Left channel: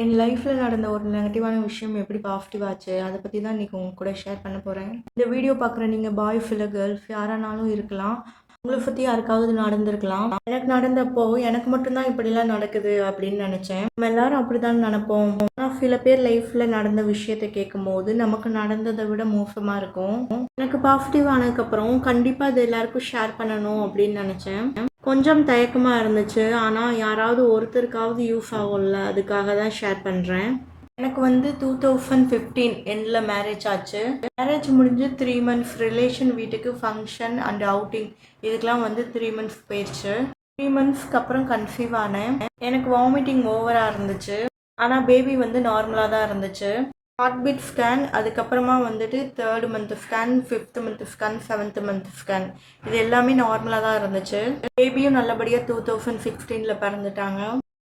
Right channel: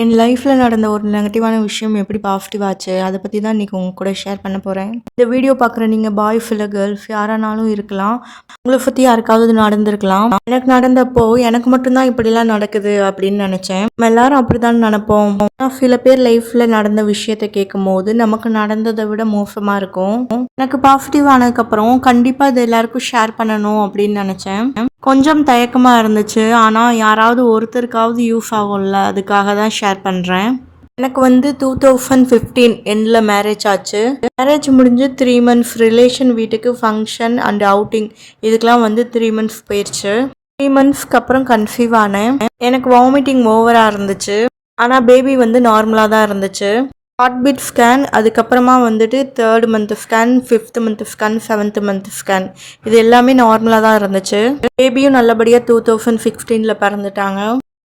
என் லைஃப்பில் நடந்த ஒரு நெகட்டிவான விஷயம் எப்படி பாசிட்டிவ் ஆச்சு அதை பற்றி தான் இன்றைக்கி உங்க கூட ஷேர் பண்ண போகிறேன். இந்த வீடியோ பார்க்குற நீங்கள் பாய்ஸ் இல்லை கேர்ள்ஸ் யாரானாலும் இருக்கலாம். உங்களை பற்றி யாருக்காவது நடந்திருக்கலாம். எனக்கு நடந்தப்போ எனக்கு மட்டும்தான் இப்படிலாம் நடக்குது அப்படின்னு நினச்சேன். நம்ம எல்லாரும் அப்படி தான் நினைப்போம். ஆனால் சில பேர் லைஃப்பில் நடந்த விஷயத்தை கேட்கும் போது நமக்கு நடந்ததை விட மோசமாக இருக்கும். எனக்கு பாசிட்டிவ் ஆனதுக்கப்புறம் கண்டிப்பாக இது எல்லாருக்கும் ஷேர் பண்ணணும் அப்படின்னு நினச்சேன். கொஞ்சம் தயக்கமாக இருந்துச்சு. ஆனால் யாராவது ஒருத்தருக்காவது யூஸ் ஆகும்ல, அதுக்காக தான் ஷேர் பண்ணுறேன். எனக்கு வந்து 2015 எண்டில் மேரேஜ் ஆச்சு. மேரேஜ் முடிஞ்சு 3 months ரிலேஷன் வீட்டுக்கு ஃபங்க்ஷன் அண்ட் அவுட்டிங் இதுக்கெலாம் வந்து 3 months போயிடுச்சு. 3 monthsக்கு அப்புறம் கன்சீவ் ஆனேன். எனக்கு வாமிட்டிங் ஓவராக இருந்துச்சு. ஆனால் பேபி வந்து நார்மலாக தான் இருந்துச்சு. ஹார்ட்பீட் ஸ்கேன், அதுக்கப்புறமா வந்துட்டு 3rd month scan, 5th month scan, 7th month scan, இது எல்லாமே நார்மலாக தான் இருந்துச்சு. பேபியும் நல்லபடியாக 2016 பிறந்துட்டாங்க.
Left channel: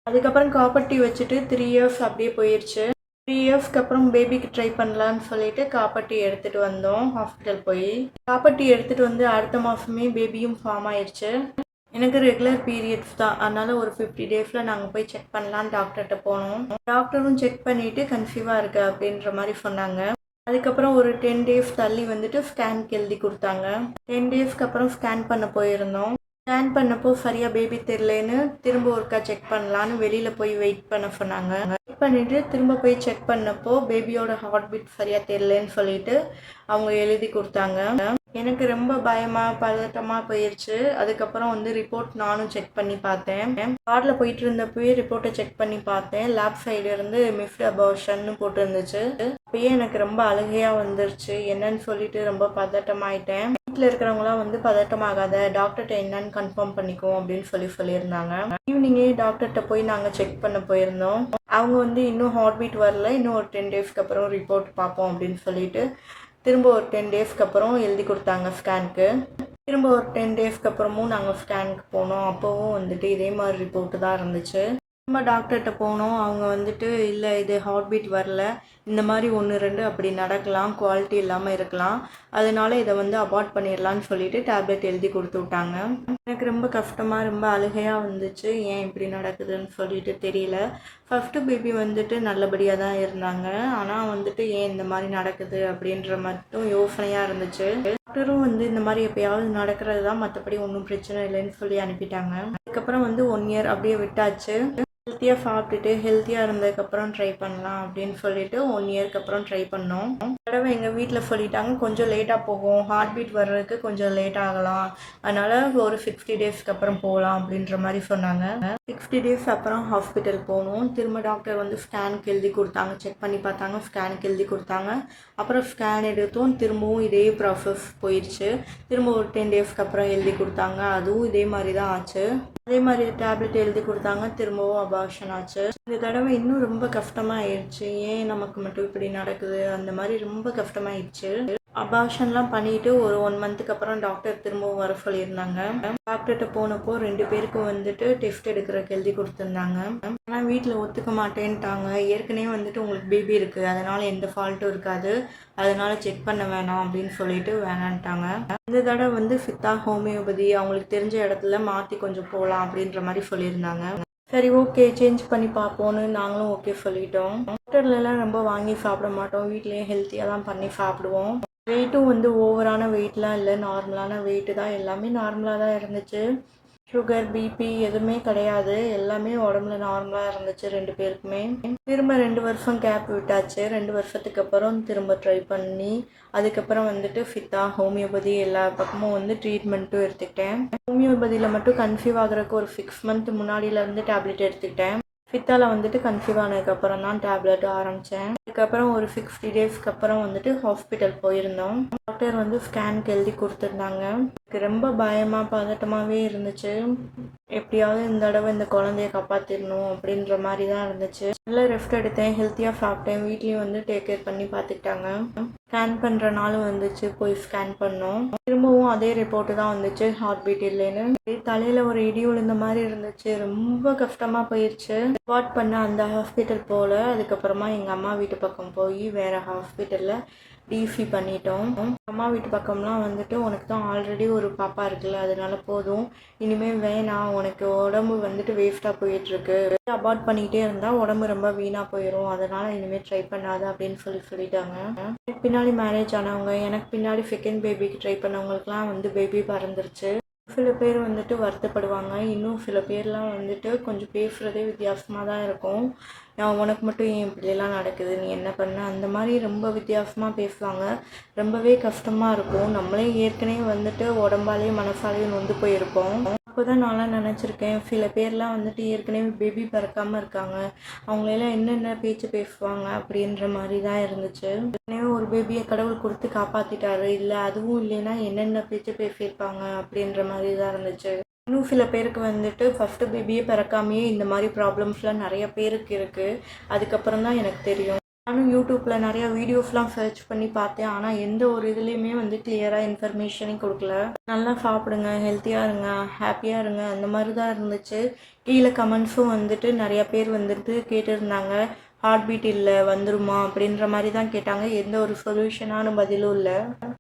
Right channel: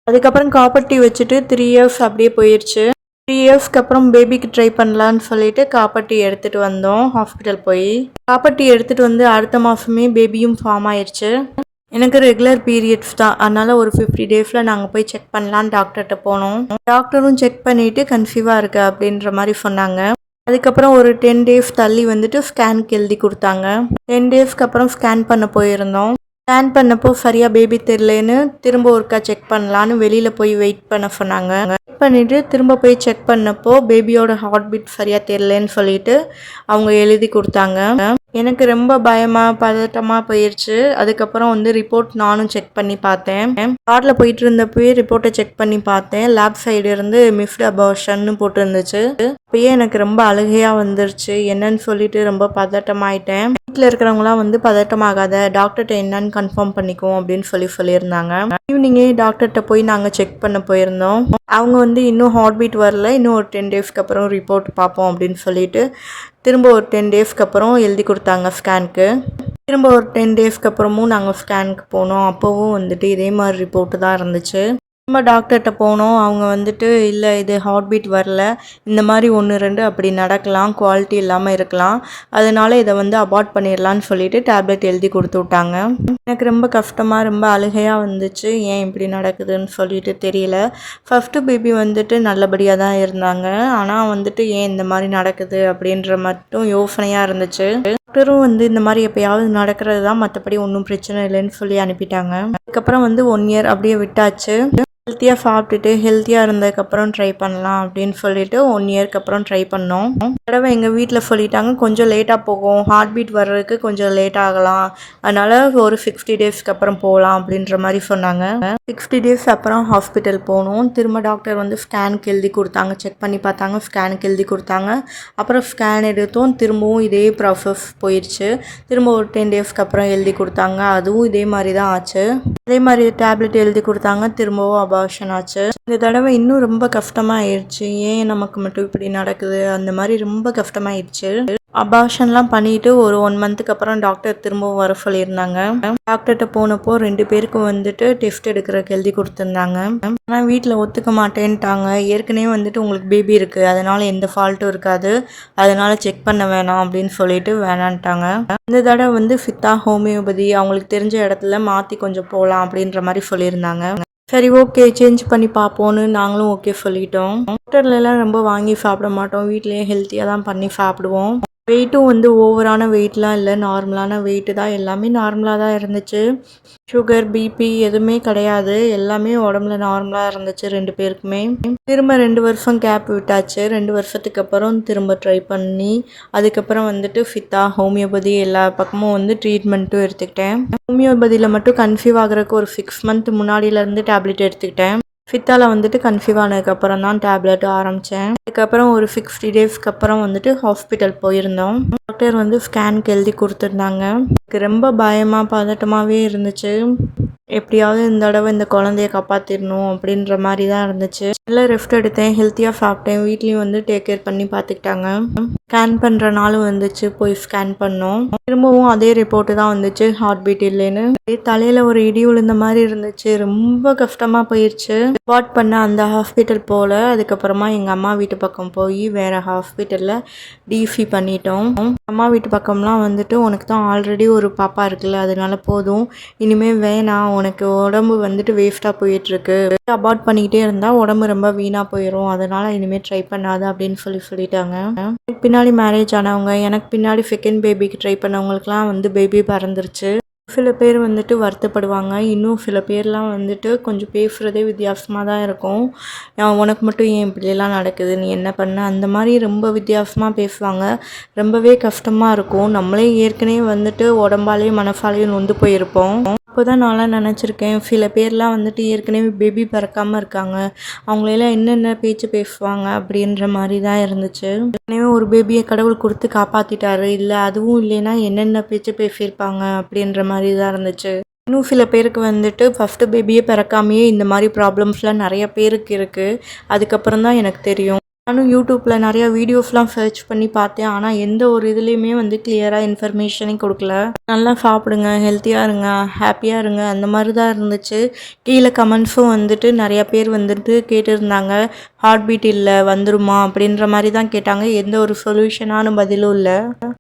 அதுக்கப்புறம் காப்பர்ட்டி வச்சுட்டு 3 years அப்படியே போயிடுச்சு. 3 yearsக்கு அப்புறம் பேபிக்கு ட்ரை பண்ணலான்னு சொல்லிட்டு காப்பர்ட்டி எடுத்துகிட்டு வந்தோம். ஹாஸ்பிட்டல் போய் காப்பர்ட்டி எடுத்துகிட்டு வந்து அடுத்த மாதமே பேபியும் ஃபார்ம் ஆயிடுச்சு. எனக்கு ரெகுலர் பீரியட்ஸ் தான். அதனால் ஒரு 50 daysல நாங்கள் போய் செக் பண்ணலான்னு டாக்டர்கிட்ட போனோம். டாக்டரும் செக் பண்ணிவிட்டு கன்சீவாக இருக்கு அப்படின்ற மாதிரி சொன்னாங்க. அதுக்கப்புறம் ஒரு 10 days தள்ளி வந்துட்டு ஸ்கேனுக்கு எழுதி கொடுத்தாங்க. 10 daysக்கு அப்புறம் ஸ்கேன் பண்ண போயிருந்தோம். ஸ்கேன் பண்ணப்போ சரியாக பேபி தெரிலன்னு திரும்ப ஒருக்கா செக் பண்ணலான்னு வெளியில் போய் வெயிட் பண்ண சொன்னாங்க. வெயிட் பண்ணிவிட்டு திரும்ப போய் செக் பண்ணப்போ பேபியோட ஹார்ட் பீட் சரியாக தெரிலன்னு சொல்லிட்டு அவங்க எழுதி கொடுத்தாங்க. எனக்கு ரொம்ப பயமாக பதட்டமாக போயிடுச்சு. அதுக்கப்புறம் வந்து ரிப்போர்ட் நானும் செக் பண்ணி பார்த்தேன். காரில் போயிட்டு இருந்தப்போயே ரிப்போர்ட்டை செக் பண்ணி பார்த்தேன். லேப் சைடு இருந்து மிஸ்டு அபார்ஷன்னு போட்டுருந்துச்சு. அப்பயே எனக்கு ரொம்ப அழுகையாக வந்துருச்சு. என்னன்னு சொல்லிட்டு ரொம்ப பதட்டமாயிட்டேன். வீட்டில் இருக்கிறவங்களாம் வந்து பதட்டமாகாத, டாக்டர்கிட்ட என்னன்னு கன்ஃபார்ம் பண்ணிக்குவோம் அப்படின்னு சொல்லியிருந்தாங்க. ஈவினிங்கே டாக்டர்கிட்ட போய் நாங்கள் செக் பண்ண போயிருந்தோம். அவங்க வந்து இன்னும் ஹார்ட் பீட் வரல, இன்னும் ஒரு 10 daysக்கு அப்புறம் ரிப்போர்ட் பார்ப்போம் அப்படின்னு சொல்லிட்டு திரும்ப ஒரு 10 daysக்கு அப்புறம் எழுதி கொடுத்தாங்க ஸ்கேனுக்கு. திரும்ப ஒரு 10 daysக்கு அப்புறமும் நாங்கள் ஸ்கேனுக்கு போனோம். அப்போவும் வந்துட்டு இதே மாதிரி ரிப்போர்ட்டு தான் இருந்துச்சு. நம்ம டாக்டர்கிட்ட போனோம். அவங்க வந்துட்டு இல்லை இது ஹார்ட் பீட் வரல, இந்த மாதிரி 1 2 அப்படி நடக்கலாம், குவாலிட்டி இல்லாமல் இருக்கலாம், அதனால இதை வந்து அபார்ட் பண்ணிடலான்னு சொல்லிட்டு டேப்லெட் எழுதி கொடுத்து விட்டாங்க. எனக்கு ரொம்ப கஷ்டமாக ரொம்ப அழுகையாக வந்துச்சு. ஏன் இப்படி நடக்குதுன்னு சொல்லிட்டு தெரியல. ஃபஸ்ட்டு பேபி வந்துட்டு நல்லபடியாக தான் இருந்தாங்க. ஆனால் வந்துட்டு ஏன் இந்த மாதிரி நடக்குது அப்படின்ற மட்டும் யோசனையாக இருந்துச்சு. டாக்டரும் வந்து இந்த மாதிரி எப்போயாவது நடக்கிறது தான், மற்றபடி ஒன்றும் பிரச்சனை இல்லைன்னு சொல்லி அனுப்பிட்டாங்க. அதுக்கப்புறம் வந்து 1 year அப்படியே விட்டாச்சு. ஹெல்த்தியாக சாப்பிட்டுட்டு ஹெல்த்தியாக இருந்ததுக்கப்புறம் ட்ரை பண்ணலாம் அப்படின்னு சொல்லிட்டு 1 yearக்கு அப்புறம் ட்ரை பண்ணோம். தடவை எங்கள் வீட்டில் சொல்லிட்டாங்க கொஞ்சம் லேட்டாக போகும், ஹார்ட் பீட் வர்றதுக்கு கொஞ்சம் லேட் ஆகலாம், அதனால் ஒரு 60 daysக்கு அப்புறம் போகலாம் அப்படின்ற மாதிரி சொன்னாங்க. 60 days அப்புறம் ஹாஸ்பிட்டல் போனோம். திரும்ப டாக்டர் வந்து ஸ்கேனுக்கு எழுதி கொடுத்தாங்க. செக் பண்ணி பார்த்தாங்க, ஸ்கேனுக்கு எழுதி கொடுத்தாங்க. அப்புறம் ஸ்கேன் எடுத்தோம். திரும்பவும் இதே ப்ராசஸ் போயிடுச்சு. திரும்ப ஒரு 10 daysக்கு அப்புறம் எழுதி கொடுத்தாங்க. அதுவும் இதே மாதிரி தான் ஆச்சு. அதே மாதிரி டேப்லெட் எழுதி கொடுத்தாங்க. திரும்பவும் அபார்ஷன் ஆச்சு. இந்த தடவை இன்னும் ரொம்ப கஷ்டமாயிடுச்சு. ஏன் நமக்கு மட்டும் இப்படி நடக்குது, அந்த மாதிரி ரொம்ப கஷ்டமாயிடுச்சு. அபார்ஷன்லாம் பண்ணிட்டு ஒரு 1 monthக்கு அப்புறம் டாக்டர் திரும்பவும் வர சொல்லியிருந்தாங்க. டாக்டர்கிட்ட போனப்போ 2 பேருக்கும் வந்துட்டு டெஸ்ட் எடுக்கிறதுக்கு எழுதி கொடுத்துருந்தாங்க. ஆனால் வீட்டில் ஒத்துக்க மாட்டேன்ட்டாங்க. ஏற்கனவே வந்துட்டு உங்களுக்கு பேபி இருக்குது, அதனால் எந்த ஃபால்ட்டும் இருக்காது, அதனால் செக் பண்ண வேணாம் அப்படின்னு சொல்லிட்டு வேணான்ட்டாங்க. இந்த தடவை வந்து சித்தா ஹோமியோபதி அவங்களுக்கு தெரிஞ்ச இடத்துல மாற்றி கொஞ்சம் போகலாம் அப்படின்ற மாதிரி சொல்லியிருந்தாங்க. சரி ஓகே சேஞ்ச் பண்ணி பார்ப்போன்னு நாங்களும் ஓகே சொல்லிட்டோம். டாக்டர்லாம் ரொம்ப வாங்கி சாப்பிட மாட்டோம், வீட்லேயே ஹெல்த்தியாக தான் பண்ணி சாப்பிடுவோம். வெயிட்டும் வந்து ஓவரான வெயிட்லாம் இல்லை, நார்மலான வெயிட்டு தான். எல்லாமே நார்மலாக தான் இருந்துச்சு. சுகர் பிபி எதுவுமே கிடையாது. எல்லாமே உடம்புல நார்மலாக இருந்துச்சு 2 பேருக்குமே. திரும்ப 2 வருஷம் கேப் விட்டாச்சு. 2 வருஷத்துக்கு அப்புறம் திரும்ப ட்ரை பண்ணி அதுக்கப்புறம் வந்துட்டு சித்தா ஹோமியோபதி எல்லா பக்கமும் வந்து ட்ரீட்மெண்ட்டும் எடுத்துக்கிட்டேன். ஹோமியோபதியில் மட்டும் கன்சீவ் ஆகிறதுக்கு ஒரு 6 month முன்னாடியிலேருந்து டேப்லெட் எடுத்துக்கிட்டேன். சித்தால வந்துட்டு கன்சீவ் ஆனதுக்கப்புறம் தான் டேப்லெட் ஆரம்பித்தேன். அதுக்கப்புறம் ஒரு 60 daysக்கு அப்புறம் வந்துட்டு ஹாஸ்பிட்டல் போயிருந்தோம். டாக்டர் வந்து ஸ்கேனுக்கு எழுதி கொடுத்துருந்தாங்க. எனக்கு ரொம்ப பயமாக பதட்டமாகவே இருந்துச்சு. எப்படியாவது இந்த தடவை இந்த குழந்தைய காப்பாற்றிடணும் அப்படின்ற மாதிரி தான் இருந்துச்சு. நல்லா ரெஸ்ட் எடுத்தேன், ஹெல்த்தியாக சாப்பிட்டேன். வீட்லேயும் வந்து டேக் கேர் பண்ணி பார்த்துக்கிட்டாங்க. ஸ்கேன் பண்ணுற நாளும் வந்துச்சு. போய் ஸ்கேன் பண்ணோம். திரும்பவும் அதே ரிப்போர்ட்டு தான் வந்துச்சு, ஹார்ட் பீட் இல்லைன்னு. தலையில் ஒரு இடி விழுந்த மாதிரி இருந்துச்சு. ரொம்ப கஷ்டமாக போயிடுச்சு. ரிப்போர்ட் பண்ண அந்த ஹாஸ்பிட்டல் போல். அதுக்கப்புறமா எங்கள் அம்மா வீட்டு பக்கம் போய் வேறு ஹாஸ்பிட்டலில் டிசி பண்ணிட்டோம். அம்மா வீட்டு பக்கம்லாம் வந்துட்டு உனக்கு தான் ஆல்ரெடி ஒரு பாப்பா இருக்குல்ல, அதனால போதும், இனிமேல் வேணாம், உனக்கு உடம்பு வந்துட்டு வேஸ்ட்டாக போயிட்டுருக்கு, அபார்ட் பண்ணிக்கிட்டே இருந்தால் உடம்பு ரொம்ப வீணாக போயிடும், அதனால் இனிமேல் ட்ரை பண்ணாத அப்படின்னு சொல்லிட்டாங்க. பின்னாடி மேரேஜ் ஆனவங்க, எனக்கு பின்னாடி செகண்ட் பேபிக்கு ட்ரை பண்ணவங்களுக்குலாம் வந்து பேபி பறந்துருச்சு. சில பேர் வந்துட்டு வருத்தப்படுவாங்க. இன்னும் சில பேர்லாம் வந்துட்டு கொஞ்சம் பேசுகிறதே வித்தியாசமாக தான் இருக்கும். உனக்கு மட்டும் ஏன் இப்படியெல்லாம் நடக்குது, நீ என்ன பண்ண, அந்த மாதிரி ரொம்ப வித்தியாசமாக பேசுவாங்க. ரொம்பவே கஷ்டமாக இருக்கும். நம்மளே ஏற்கனவே வந்துட்டு உடம்பாலேயும் மனசாலேயும் நொந்து போயிருப்போம். அப்போ தான் நான்லாம் நினச்சிருக்கேன், சில பேர்லாம் வந்துட்டு ஏற்கனவே பேபி பிறக்காமல் இருக்காங்க, அவங்களெல்லாம் என்னென்ன பேச்சு பேசுவாங்க அப்படின்ற மாதிரி தான் இருந்துச்சு. ஏற்கனவே ஒரு பேபியை கடவுள் கொடுத்து காப்பாற்றிட்டாரு, இல்லை அதுவும் இல்லைன்னா என்னென்ன பேச்சு பேசியிருப்பாங்க அப்படின்ற மாதிரி தான் இருந்துச்சு. இன்னும் சில பேருக்கு வந்துட்டு ஃபஸ்ட்டு பேபியே பிறக்காமையே இந்த மாதிரி ப்ராப்ளம்ஸ்லாம் நிறைய பேருக்கு இருக்குது. அதுக்கப்புறம் தான் எனக்கு தெரியும். நானும் யூடியூப்பில் நிறையா வீடியோஸ்லாம் சர்ச் பண்ணி பார்த்தேன். ஆனால் எந்த ஒரு இதுலேயுமே வந்து கிளியராக இன்ஃபர்மேஷனே கொடுக்கல. நல்லா சாப்பிடுங்க, ஹெல்த்தியாக இருங்க, ஹாப்பியாக இருங்க, அந்த மாதிரி தான் இருந்துச்சு. கீழே கமெண்ட்ஸும் வந்துட்டு நிறையா பேர் வந்துட்டு கேட்டுருந்தாங்க, ஹார்ட் பீட் இல்லை வந்துருமா அப்படின்ற மாதிரி தான் கேட்டாங்க. எந்த ஒரு சொல்யூஷனான பதிலும் இல்லை.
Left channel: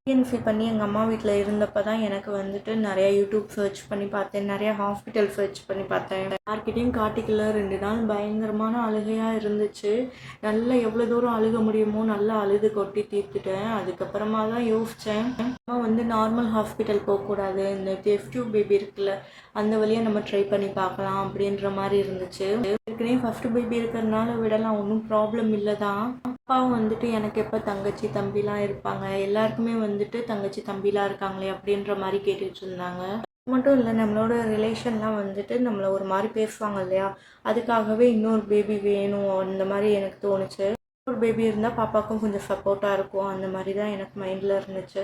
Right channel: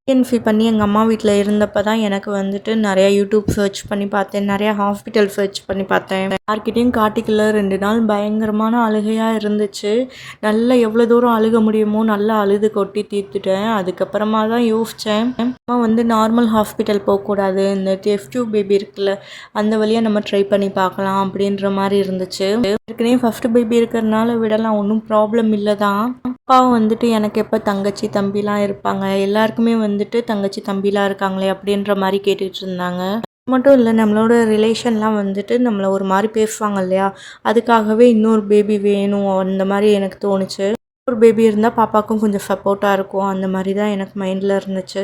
பிஎன்சி பண்ணி எங்கள் அம்மா வீட்டில் இருந்தப்போ தான் எனக்கு வந்துட்டு நிறையா யூடியூப் சர்ச் பண்ணி பார்த்தேன், நிறையா ஹாஸ்பிட்டல் சர்ச் பண்ணி பார்த்தேன். யார்கிட்டையும் காட்டிக்கல. 2 நாள் பயங்கரமான அழுகையாக இருந்துச்சு. நல்லா எவ்வளோ தூரம் அழுக முடியுமோ நல்லா அழுது கொட்டி தீர்த்துட்டேன். அதுக்கப்புறமா தான் யோசித்தேன், அம்மா வந்து நார்மல் ஹாஸ்பிட்டல் போகக்கூடாது, இந்த டெஸ்ட் டியூப் பேபி இருக்குல்ல, அந்த வழியாக நம்ம ட்ரை பண்ணி பார்க்கலாம் அப்படின்ற மாதிரி இருந்துச்சு. ஏற்கனவே ஃபஸ்ட்டு பேபி இருக்கிறதுனால விடலாம், ஒன்றும் ப்ராப்ளம் இல்லை தான். அப்பாவும் வந்துட்டு எனக்கு எப்போ தங்கச்சி தம்பிலாம் இருப்பாங்க, எல்லாருக்குமே வந்துட்டு தங்கச்சி தம்பிலாம் இருக்காங்களே அப்படின்ற மாதிரி கேட்டுக்கிட்டு இருந்தாங்க. மட்டும் இல்லை, நம்மளோட ரிலேஷன்லாம் வந்துட்டு நம்மளை ஒரு மாதிரி பேசுவாங்க இல்லையா, அதுக்காகவே இன்னொரு பேபி வேணும் அந்த மாதிரி எனக்கு தோணுச்சு. ஒரு பேபி இருந்தால் பாப்பாவுக்கும் கொஞ்சம் சப்போர்ட்டாக இருக்கும், அந்த மாதிரி தான் எனக்கு மைண்டில் இருந்துச்சு.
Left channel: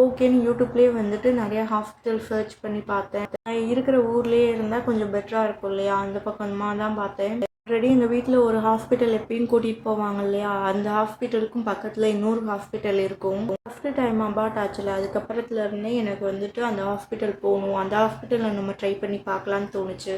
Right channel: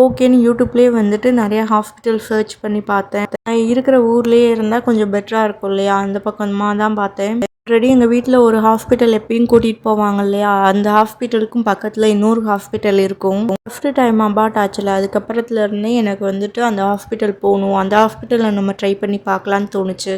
ஓகேன்னு யூடியூப்லேயே வந்துட்டு நிறையா ஹாஸ்பிட்டல் சர்ச் பண்ணி பார்த்தேன். நான் இருக்கிற ஊர்லேயே இருந்தால் கொஞ்சம் பெட்டராக இருக்கும் இல்லையா, அந்த பக்கமாக தான் பார்த்தேன். ஆல்ரெடி எங்கள் வீட்டில் ஒரு ஹாஸ்பிட்டல் எப்பயும் கூட்டிகிட்டு போவாங்க இல்லையா, அந்த ஹாஸ்பிட்டலுக்கும் பக்கத்தில் இன்னொரு ஹாஸ்பிட்டல் இருக்கும். ஃபஸ்ட்டு டைம் அபார்ட் ஆச்சுல, அதுக்கப்புறத்துலேருந்தே எனக்கு வந்துட்டு அந்த ஹாஸ்பிட்டல் போகணும், அந்த ஹாஸ்பிட்டலில் நம்ம ட்ரை பண்ணி பார்க்கலான்னு தோணுச்சு.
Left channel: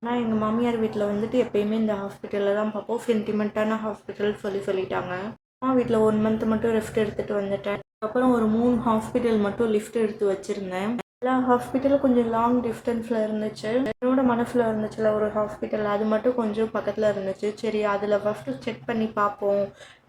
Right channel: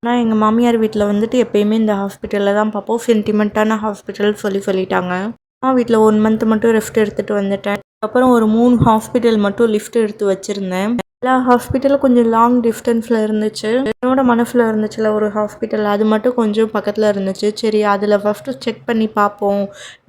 ஆனால் எங்கள் மாமியார் வீட்டில் வந்துட்டு எப்போயுமே இந்த ஹாஸ்பிட்டலில் தான் பார்ப்போம், சென்டிமெண்ட்டான ஹாஸ்பிட்டல் சொல்லிட்டாங்க. நான் வீட்டில் 1 மந்த் மட்டும் ரெஸ்ட் எடுத்துகிட்டு வந்துட்டேன். அப்புறம் ஒரு 3 ஹாஸ்பிட்டல் மட்டும் லிஃப்ட் எடுத்து வச்சுருந்தேன். எல்லா ஹாஸ்பிட்டலும் கொஞ்சம் லாங் டிஸ்டன்ஸில் இருந்துச்சு. என்னோட மனசில் இருந்துச்சுல ஒரு ஹாஸ்பிட்டல், அது மட்டும் கொஞ்சம் பக்கத்தில் இருந்துச்சு. சரி, அதில் ஃபஸ்ட்டு செக் பண்ணி பார்ப்போம்,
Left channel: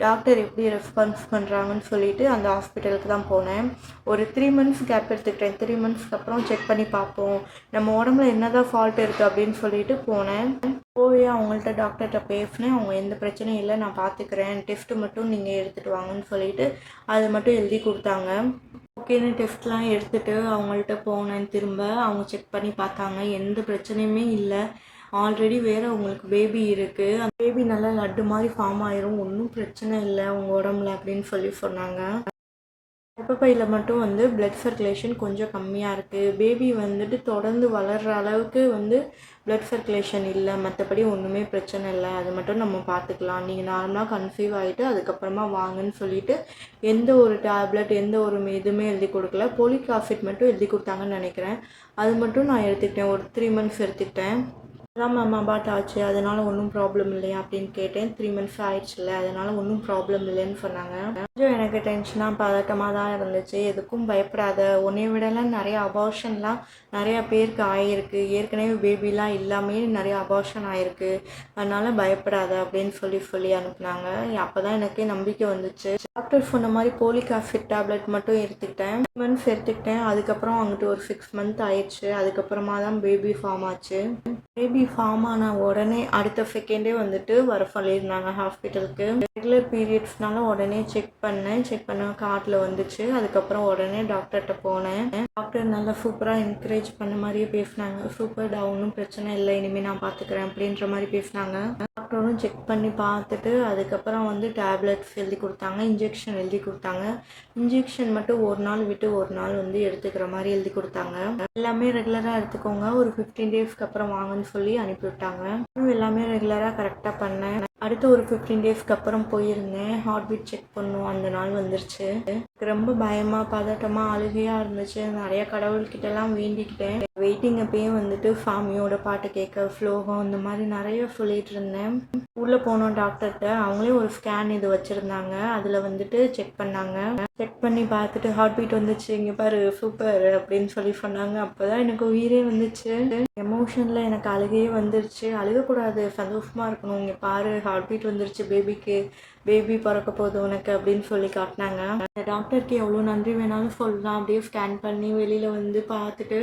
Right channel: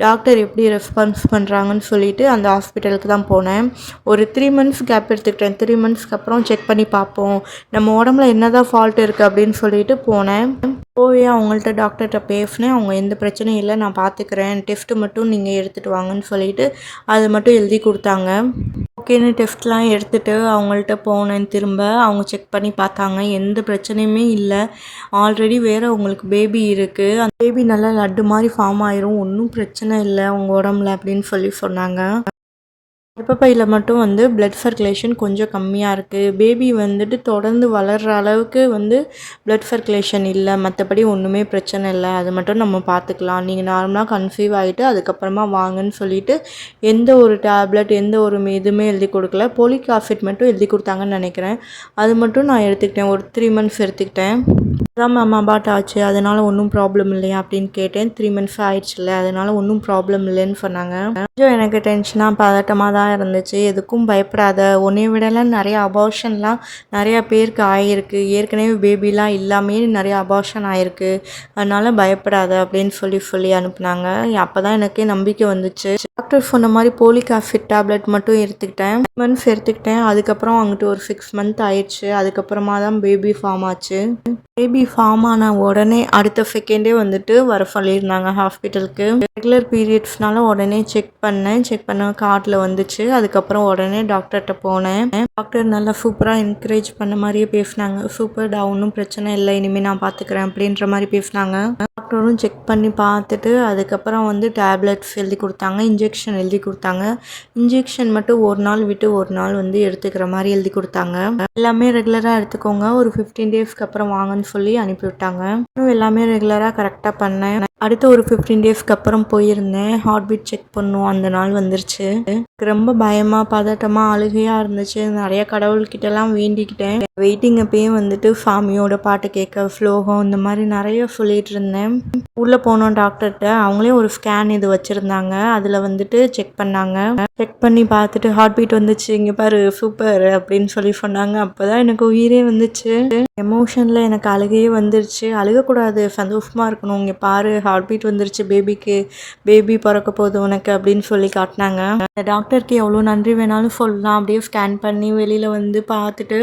டாக்டர் எப்படி ரெஸ்பான்ஸ் பண்ணுறாங்கன்னு சொல்லிட்டு அந்த ஹாஸ்பிட்டலுக்கு தான் போனேன். ஒரு 3 மந்த்ஸ் கேப் எடுத்துக்கிட்டேன். 3 மந்த்ஸ்க்கு அப்புறம் செக் பண்ணி பார்ப்போம், நம்ம உடம்புல என்ன தான் ஃபால்ட் இருக்குது அப்படின்னு சொல்லிட்டு போனேன். போய் அவங்கள்ட்ட டாக்டர்கிட்ட பேசினேன். அவங்க எந்த பிரச்சனையும் இல்லை, நான் பார்த்துக்கிறேன், டெஸ்ட்டு மட்டும் நீங்கள் எடுத்துகிட்டு வாங்கன்னு சொல்லிட்டு அது மட்டும் எழுதி கொடுத்தாங்க. ஓகேன்னு டெஸ்ட்லாம் எடுத்துகிட்டு அவங்கள்ட்ட போனேன். திரும்ப அவங்க செக் பண்ணி பார்த்தாங்க, எந்த பிரச்சனையுமே இல்லை, ஆல்ரெடி வேறு உங்களுக்கு பேபி இருக்குது, அந்த பேபி நல்லா லட்டு மாதிரி ஃபார்ம் ஆயிரும், ஒன்றும் பிரச்சனை இல்லை உங்கள் உடம்புல அப்படின்னு சொன்னாங்க. கர்ப்பப்பையில் மட்டும் வந்து பிளட் சர்க்குலேஷன் கொஞ்சம் கம்மியாக இருக்குது. பேபி வந்துட்டு தொடர்ந்து வளர்கிற அளவுக்கு வந்து பிளட் சர்க்குலேஷன் இல்லை, மற்றபடி ஒன்றுமே பிரச்சனை இல்லை, அது மட்டும் நம்ம பார்த்துக்கலாம், நீங்கள் நார்மலாக கன்சீவ் ஆகிட்டு அதுக்கப்புறமா வாங்கன்னு சொல்லிட்டு எந்த ஒரு டேப்லெட் எந்த ஒரு எதுவுமே எழுதி கொடுக்கல. போலிக் ஆசிட் மட்டும் எழுதி கொடுத்தாங்கன்னு நினைக்கிறேன். அது மட்டும் நான் எடுத்துக்கிட்டேன், ஒரு 3 மந்த்ஸ் எடுத்துக்கிட்டேன். அதான் மேம் அபார்ட் ஆச்சு, அதனால் ஒன்றும் ப்ராப்ளம் இல்லையா அப்படின்னு கேட்டேன். 3 மந்த்ஸ் ஆயிடுச்சுல்ல, அதனால் ஒன்றும் ப்ராப்ளம் இல்லைன்னு சொன்னாங்க. கொஞ்சம் எனக்கு டென்ஷனாக பதட்டமாக தான் இருந்துச்சு. எதுக்கும் பயப்படாத, உன்னை விடலாம் நிறைய அபார்ஷன்லாம் நிறையா பேருக்கு ஆகிருக்கு, ஏற்கனவே பேபிலாம் இல்லாமே நிறைய அபார்ஷன் ஆகிருக்கு, அதனால் பயப்படாத அப்படின்னு சொல்லி அனுப்புனாங்க. அப்போ தான் எனக்கே நம்பிக்கை வந்துச்சு. டாக்டர் சொன்ன மாதிரி போலிக் ஆசிட் டேப்லெட் மட்டும் எடுத்துக்கிட்டேன், 3 மந்த்ஸ் எடுத்துக்கிட்டேன். அதுக்கப்புறம் அங்கிட்டு ஒரு 6 மந்த் ஆயிடுச்சு. அதுக்கப்புறமா தான் பேபி ஃபார்ம் ஆச்சு. பேபி ஃபார்ம் ஆன உடனே அடுத்த செகண்டே வந்துட்டு வர சொல்லியிருந்தாங்க ஹாஸ்பிட்டலுக்கு. ரெகுலர் பீரியட்ஸ்னால உடனே செக் பண்ண கார்டில் வந்துச்சு. அதுக்கப்புறம் உடனே டாக்டர்கிட்ட போனேன். டாக்டர் நல்லா சூப்பராக என்கரேஜ் பண்ண மாதிரியே பேசினாங்க. சூப்பர்டா, ஒன்றும் பிரச்சனை இல்லை, இனிமேல் நான் பார்த்துக்கிறேன் அப்படின்ற மாதிரி பேசினாங்க. டாக்டரும் செக் பண்ணி பார்த்துட்டு அதுக்கப்புறம் வந்து டேப்லெட்ஸ் எழுதி கொடுத்தாங்க, இன்ஜெக்ஷன் எழுதி கொடுத்தாங்க. இன்ஜெக்ஷன் மட்டும் ஒரு நாள் விட்டு ஒரு நாள் வந்து எடுத்துக்கிற மாதிரி எழுதி கொடுத்தாங்க. எல்லாமே ரெகுலராக எடுத்துக்கோங்க, ஒரு 15 டேஸ்க்கு அப்புறம் வாங்கன்னு சொல்லி அனுப்பிவிட்டாங்க. எல்லாமே ரெகுலராக கரெக்டாக பண்ணேன். அடுத்த ஒரு 15 டேஸ்க்கு அப்புறம் போயிருந்தேன். ஹார்ட் பீட் செக் பண்ணோம். அந்த நாள் வந்துருச்சு. எனக்கு ரொம்ப பயமா, பதட்டமா, அழுகையா இருந்துச்சு. நெறைய கடவுள்கிட்டலாம் வேண்டிக்கிட்டேன். வெயிட்டிங் அப்பயும் வந்துட்டு சாமியோட பாட்டு கேட்க, ஸ்லோகம் இந்த மாரி நெறைய சொல்லிட்டு இருந்தேன். உள்ள போனோம் டாக்டர்ட்ட. அவங்களே ஒரு ஸ்கேன் இது வச்சிருந்தாங்க. அதில வந்துட்டு செக் பண்ணாங்க. செக் பண்ணி பார்த்துட்டு ஹார்ட் பீட் வந்துச்சு. "இங்க பாரு சூப்பர்" அப்படின்னு சொன்னாங்க. அப்பதான் எனக்கு உயிரே வந்துச்சு. எமோஷன்ல எனக்கு அழுகையே வந்துருச்சு. அழுகக்கூடாது, சந்தோஷமா இருக்கணும். "இங்க பாரு ஹார்ட் பீட் வந்துருச்சு பேபிக்கு. பேபி பொறக்க போகுது உனக்கு" அப்படின்னு சொல்லி காட்டுனாங்க. அந்த டாக்டருக்கு எவ்வளோ நன்றி வேணாலும் சொல்லலாம். அப்படியே ஸ்கேன் பண்ணி வெளியில வந்து பார்த்துட்டு,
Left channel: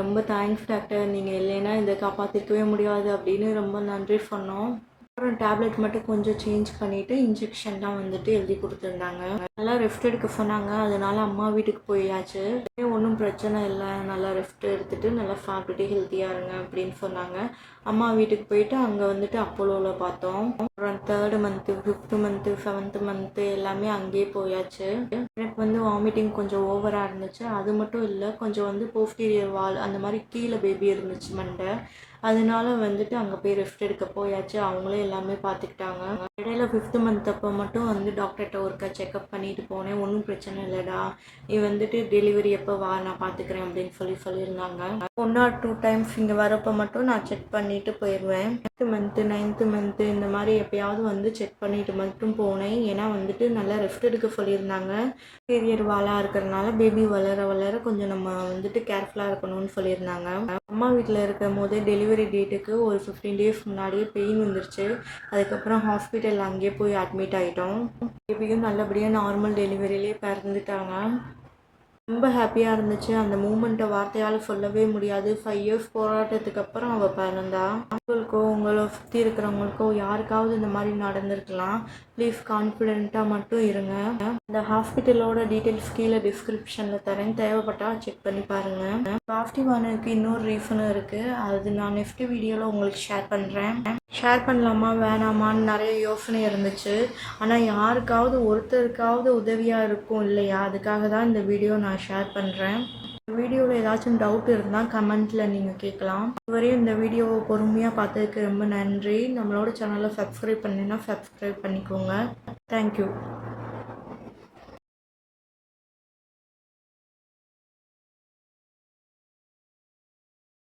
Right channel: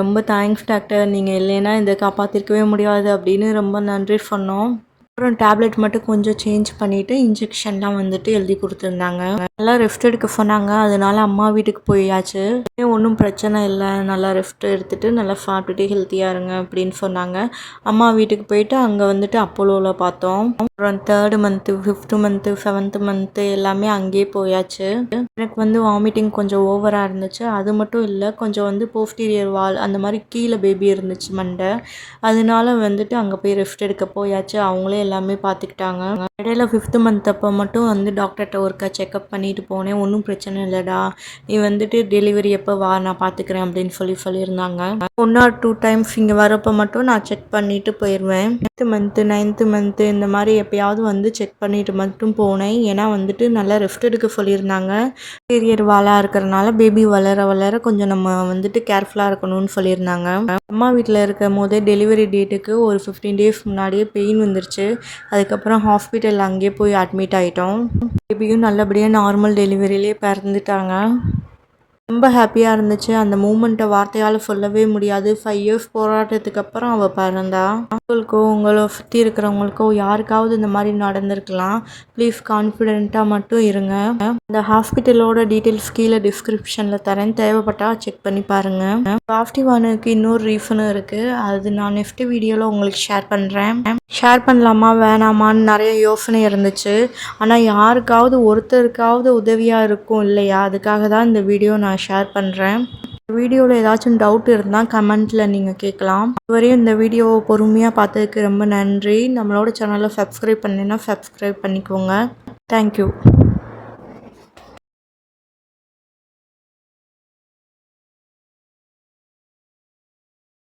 "ரொம்ப தேங்க்ஸ் டாக்டர். நீங்க இல்லைன்னா இத காப்பாத்திருக்கவே முடியாது" அப்படின்னு ரொம்ப நன்றி சொன்னோம். அப்புறம் டேப்லெட் மட்டும் கொஞ்சம் சேஞ்ச் பண்ணிவிட்டு இன்ஜெக்ஷன்லாம் வந்துட்டு எழுதி கொடுத்துருந்தாங்க. நல்லா ரெஸ்ட் எடுக்க சொன்னாங்க. அதனால அம்மா வீட்டுக்கு போயாச்சு. ஒன்றும் பிரச்சனை இல்லை, நல்லா ரெஸ்ட் எடுத்துகிட்டு நல்லா சாப்பிட்டுட்டு ஹெல்த்தியாக இருங்க அப்படின்னு சொன்னாங்க. அம்மா வீட்டுக்கு போயிட்டு அங்கே வந்துட்டு அப்போலோவில் பார்த்தோம். அப்புறம் 3rd month, 5th month, 7th month எல்லாமே அங்கேயே போயாச்சு. எனக்கு வந்து வாமிட்டிங் கொஞ்சம் ஓவராக இருந்துச்சு. அது மட்டும் இல்லை, கொஞ்சம் வந்து போஸ்டீரியர் வால் அந்த மாதிரி கீழே பேபி இருந்துச்சு மண்டை. அதனால வந்துட்டு அங்கே போய் ரெஸ்ட் எடுக்க போயாச்சு. அவங்களே எல்லாமே பார்த்துக்கிட்டாங்க. இடையில 5th மந்த் அப்போ மட்டும் வந்து டாக்டர்கிட்ட ஒருக்கா செக்அப் பண்ணிட்டு போனேன். "ஒன்றும் பிரச்சனை இல்லைடா, நீ வந்துட்டு டெலிவரி எப்போ வா, நான் பார்த்துக்கிறேன்" அப்படின்னு சொல்லியிருந்தாங்க. 1 or 2 டைம்ஸ் இங்கே வரப்போ மட்டும் நான் செக் பண்ணிட்டு போயிடுவேன். 8th மந்த்து, 9th மந்த்து இந்த மாதிரி எப்பயாவது வந்து செக் பண்ணிட்டு மட்டும் போனேன். ஏன்னா வந்துட்டு நல்லா ரெஸ்ட் எடுக்க சொல்லியிருந்தாங்க. பீரியட் வாலாக இருக்கிறனால பேபி வளர வளர கொஞ்சம் நம்ம வந்துட்டு கேர்ஃபுல்லாக இருக்கணும்னு சொல்லியிருந்தாங்க. அம்மா வீட்டில் இருக்கும் போதே டெலிவரி டேட்டுக்கு ஒரு 15 டேஸ் முன்னாடியே பெயின் வந்துருச்சு. அதுக்கப்புறம் ஹாஸ்பிட்டல் அங்கேயே போய் அட்மிட் ஆகிட்டோம். பேபியும் நல்லபடியாக நார்மல் டெலிவரியிலே பிறந்துட்டாங்க. ரொம்ப ஹாப்பியாக இருந்துச்சு. அந்த மூமெண்ட்டை வார்த்தையால் சொல்லவே முடியாது. 5 இயர்ஸ் போராட்டத்துக்கு அப்புறம் அவள் பிறந்தா. உங்களுக்கோ உங்களை சுற்றி இருக்கிறவங்களுக்கோ யாருக்காவது இந்த மாதிரி நடந்திருக்கலாம். ப்ளீஸ் கான்ஃபிடென்ட்டாக மட்டும் இருங்க. இந்த ஹாஸ்பிட்டலோட டீட்டெயில்ஸ் கீழே டிஸ்கிரிப்ஷனில் தரேன். தேவைப்பட்டால் செக் பண்ணி பாருங்கள். பாசிட்டிவானதுக்கு இன்னொரு ரீசனும் இருக்குது. அது நான் நெக்ஸ்ட் வீடியோவில் உங்களுக்கு ஷேர் பண்ணுறேன். ஷேர் பண்ணலாமா வேணாமான்னு நிறைய யோசனை இருந்துச்சு. ஆனால் யாருக்காவது ஒருத்தருக்காவது உதவியாக இருக்கும் இல்லையா, அதுக்காக தான் இந்த வீடியோ நான் ஷேர் பண்ணுறேன். வீடியோவில் ஏதாச்சும் டவுட் இருந்தால் கமெண்ட்டில் நீங்கள் கேட்கலாம். இதுவரையும் இந்த வீடியோவை பொறுமையாக பார்த்ததுக்கு ரொம்ப நன்றி. நம்மளோட சேனலை சப்ஸ்கிரைப் பண்ணினா சப்ஸ்கிரைப் பண்ணிக்கோங்க. தேங்க்யூ.